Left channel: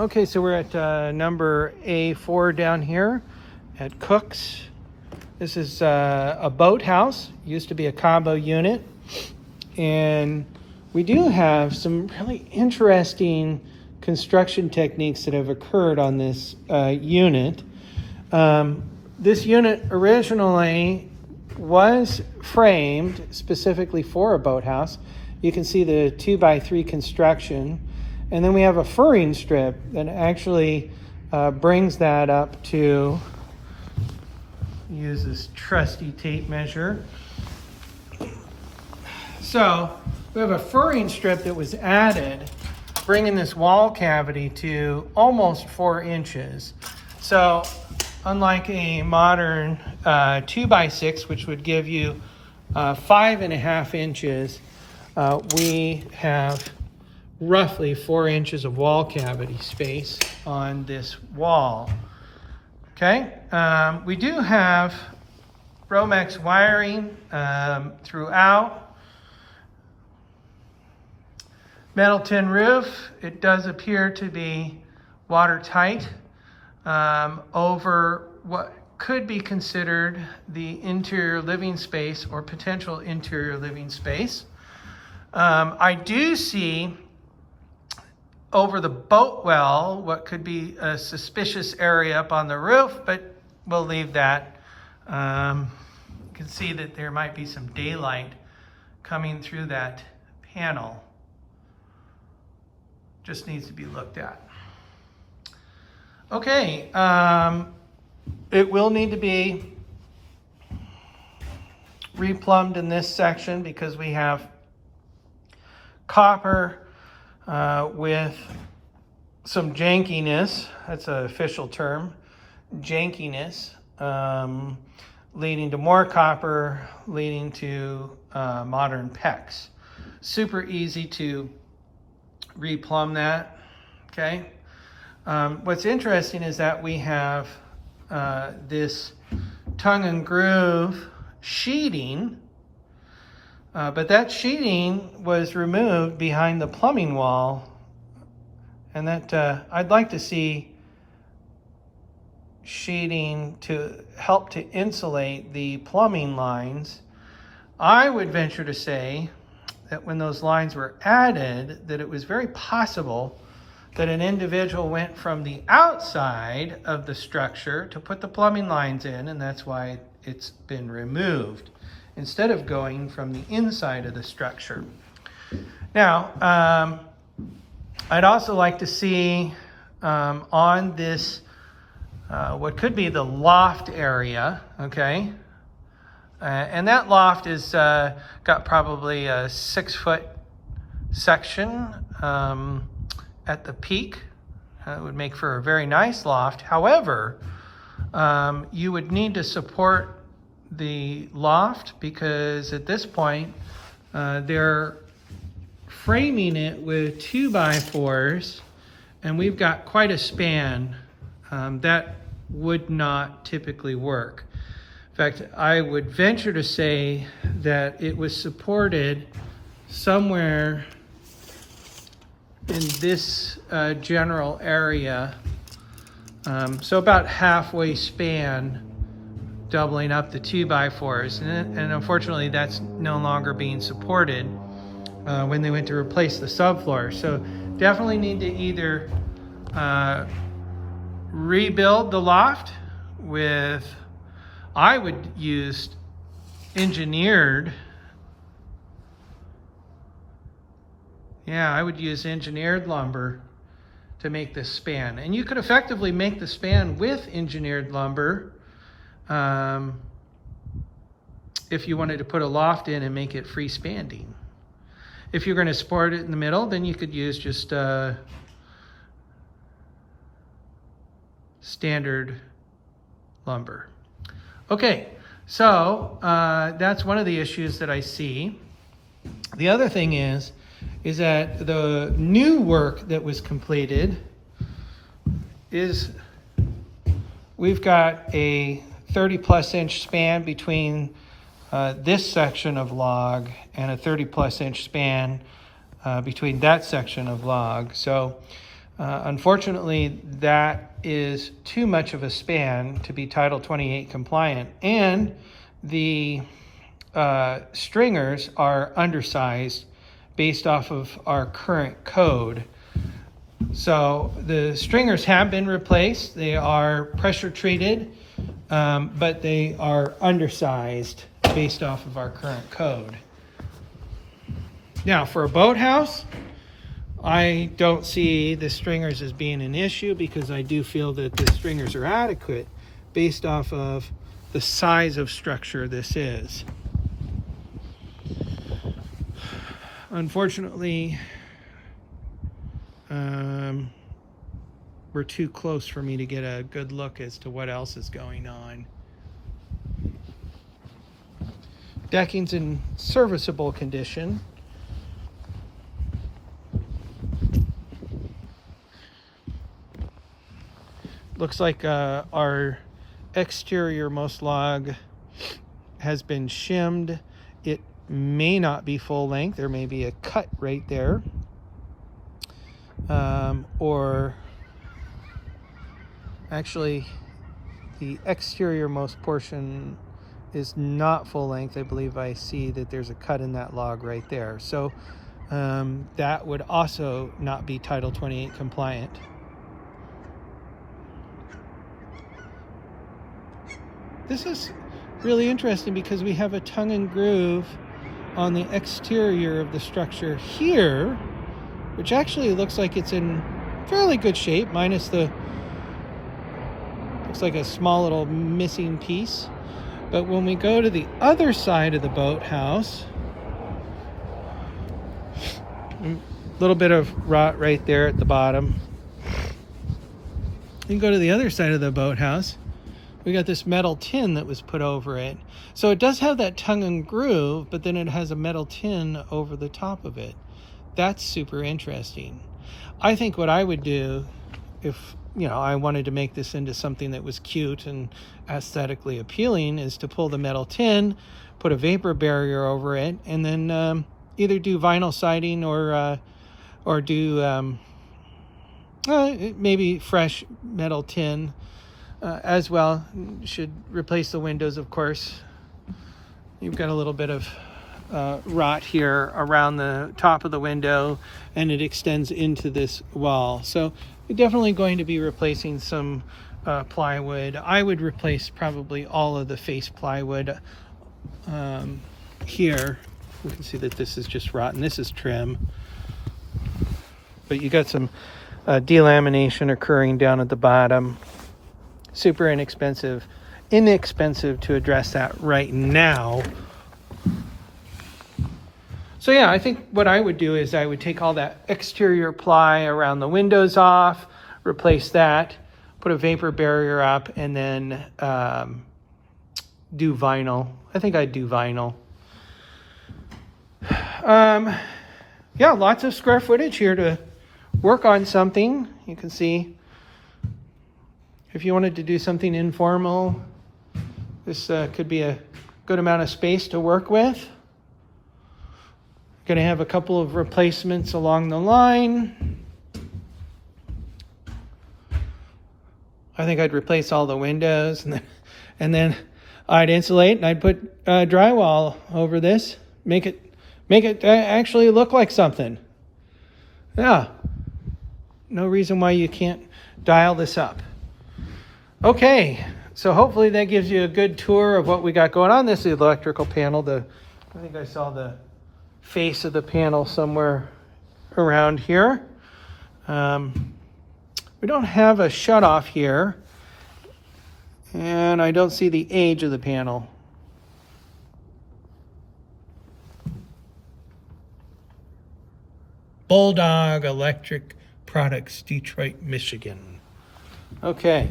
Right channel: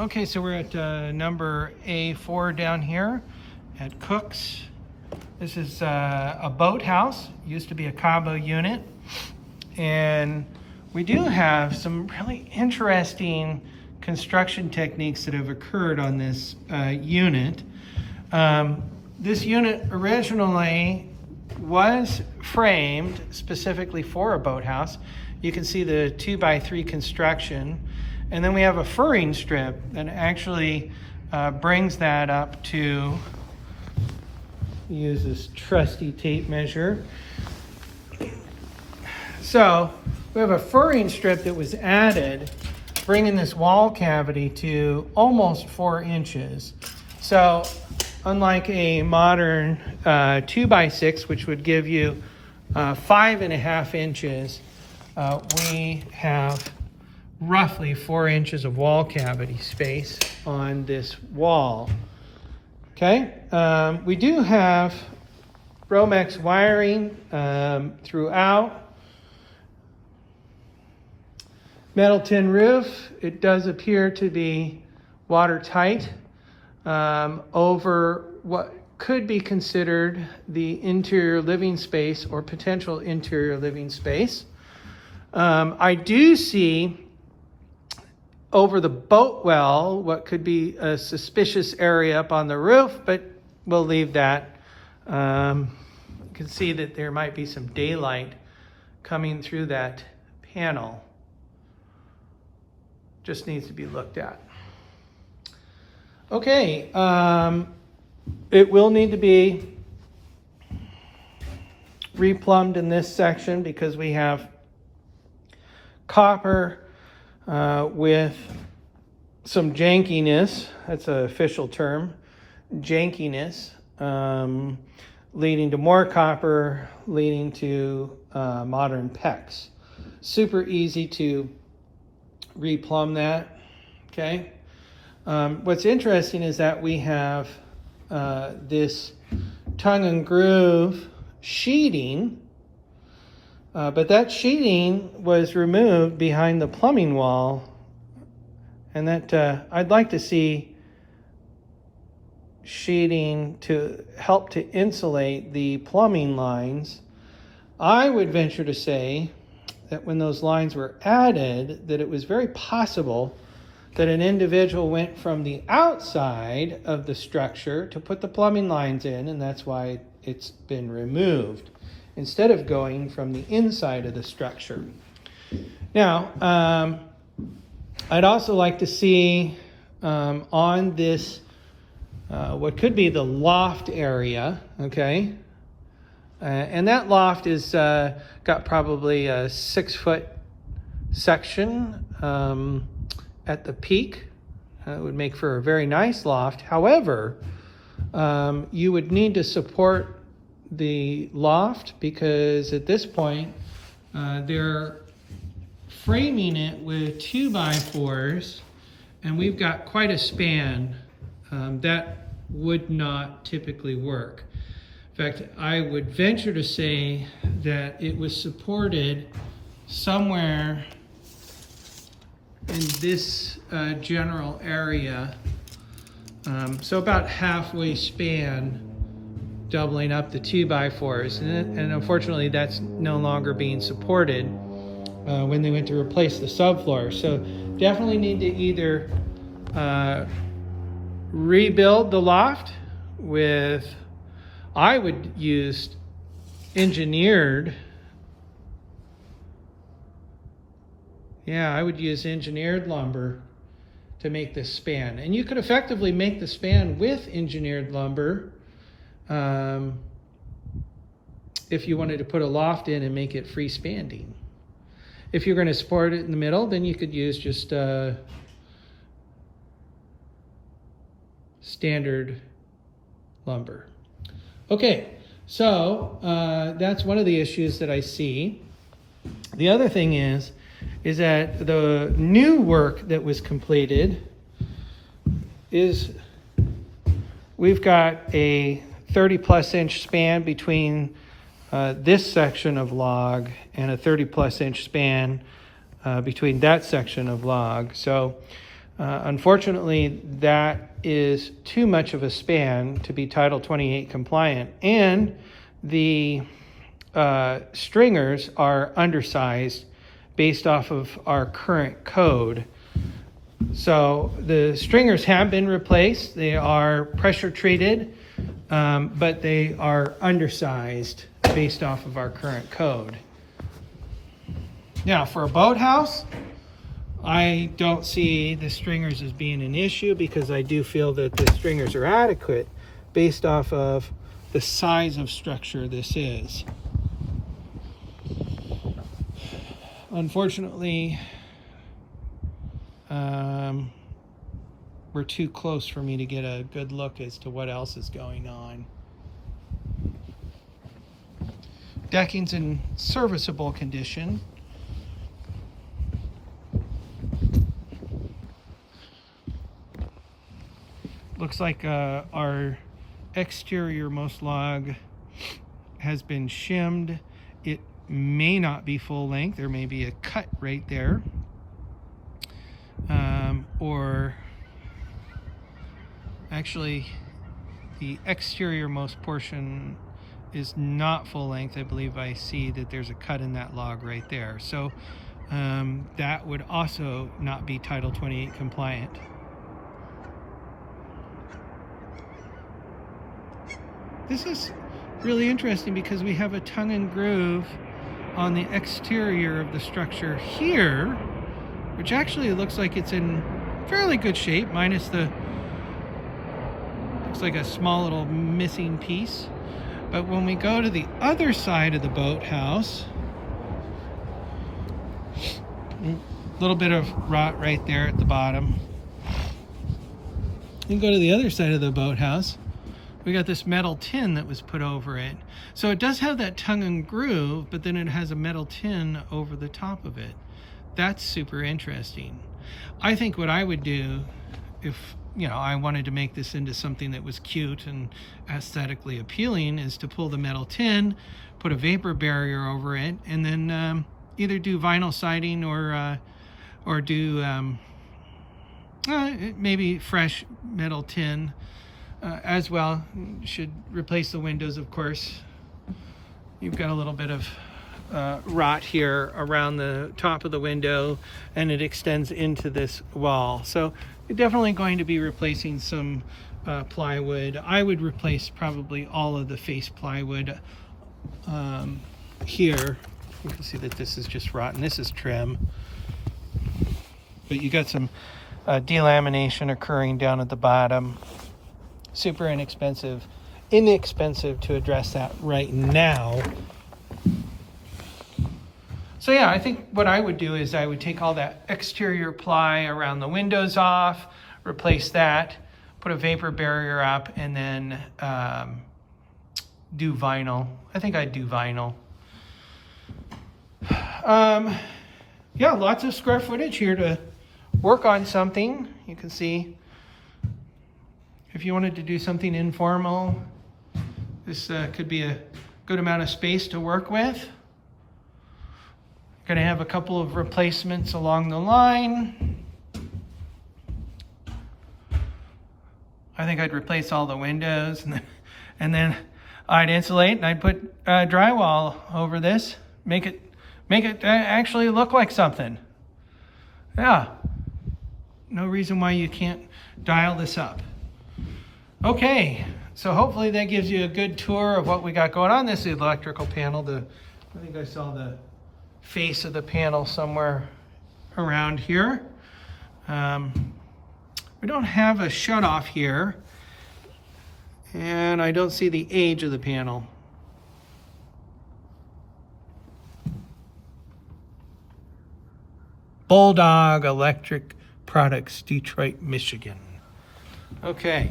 Okay, so we're at number A4 down here at Cook's. This is a boathouse, used to be a combo unit. And we do have some really interesting construction techniques that have occurred on this unit. This unit originally was framed specifically for a boathouse. You can see the 2x3 construction. And then we have a furring strip that actually brings that up to, use this trusty tape measure. So we have a furring strip that was added, bringing this wall cavity to almost 4 inches. So unlike a modern 2x6, which would give you 5.5 inches, we have roughly 4 inches of wall cavity space on this wall. Okay, we do have Romex wiring throughout. Metal tin roof. It does appear to be watertight over what could be considered the interior living space or potential interior living space. I do see over the boat well what could be a suspicious area up on the roof, but we'll leave that. You can see that there might be some daylight coming through that panel. Just needs to be looked at. Okay, it will need to be replumbed in this section because we have copper with some jankiness. That's an official term, jankiness, leading to more copper, leading to modern PEX. Super easy to replumb that. Okay. What's interesting is that we have this tongue and groove sheeting, but that sheeting was removed behind the plumbing wall, and that I'd like to see sheeting to help to insulate the plumbing lines. I would venture to say that when those lines were added, that it was very possible that an individual went from the outside of the structure to put the plumbing lines in, and that's why it's been removed, instead of going from the inside of the structure. Now, I'd also like to see on this, what could be the loft area, okay? And that loft is got probably a 6-foot section at the peak. It would make for a very nice loft. However, you would need to support the loft because at this point they're framing it with 2x4s, and we've got quite a span. That would not typically work. In fact, I would venture to say that it was supported somewhere in this general area, so about halfway span, doubling up the 2x4s, and unfortunately that's no longer being supported when they went to replace the subfloor. So definitely need to either rebuild the loft with, I would use engineered, I would use engineered lumber to make this span. And you could effectively make the span with engineered lumber if you wanted to put a loft in and make it freestanding. If you're going to support it in the middle, then you could use just standard lumber. Okay, so that's one of the issues that I see. The other thing is that the new work that was completed is we've got a 30+ inch span between this section of log and a 30+ inch span between that section of log. So Unfortunately, that is too much of a span to be Title 28 compliant, and the stringers are undersized based off of our current code. So the stringers have been replaced. They are pressure treated, but they are undersized based off of our current code. Now, for a boathouse, I don't see the stringers as being an issue because I do feel that the stringers are adequate based off of the size of structure this is. Unfortunately, we're too close for me to get a good look as to what else is going on. Decking's in serviceable condition. Looks like our exterior-most log has been shimmed. It may not be full length. There may be a cut right there. Or actually, the exterior-most portion is not full length. I believe I see that there's a cut in that log right there. So that would also not be Title 28 compliant. This is really interesting because we have a tongue and groove on the exterior of the structure here, which actually looks like it's in fairly good shape, minus the, looks like a small little missing piece. But when we go to the other side of the boathouse, a little bit of rot right there at the bottom. You go to the other side of the boathouse, we got this metal tin that was put over it. So it does have that tongue and groove, but then it has a metal tin over the top of it. That's super interesting. I think what I would do if, you know, I wanted to make this into something that was cute and aesthetically appealing is to pull the metal tin, put a vapor barrier over it, and then either do vinyl siding or do maybe fresh metal tin as well. You should replace the windows, of course. You've got a little bit of rot here around the top of the window, and it extends into this wall. So you're definitely going to be replacing some plywood. I would replace probably all of the face plywood here. You can see that this is just rotten. This is trim. But you got some delamination occurring down at the bottom. Super inexpensive to address that right now. So yeah, I think what I would do is I would take all that exterior ply around the windows off, replace that, put a vapor barrier up, and then do vinyl. I think I'd do vinyl. Yeah, lots of square footage here to work on something. You can see if you wanted to do something informal, this could be a good amount of space to work with. Going to have a couple of replacements along the line. I think I'd replace all the windows, and then I'd insulate and I'd put drywall over this, make it actually look like something. Yeah, no reason why you can't dial this up. Okay, so hopefully that gives you a good tour of what we got going on. This is the electrical panel. I think I saw the face of the panel somewhere around here. We don't have a shutoff here, and I don't see the age of the panel. Bulldog Electric Products, Detroit, Michigan. Okay,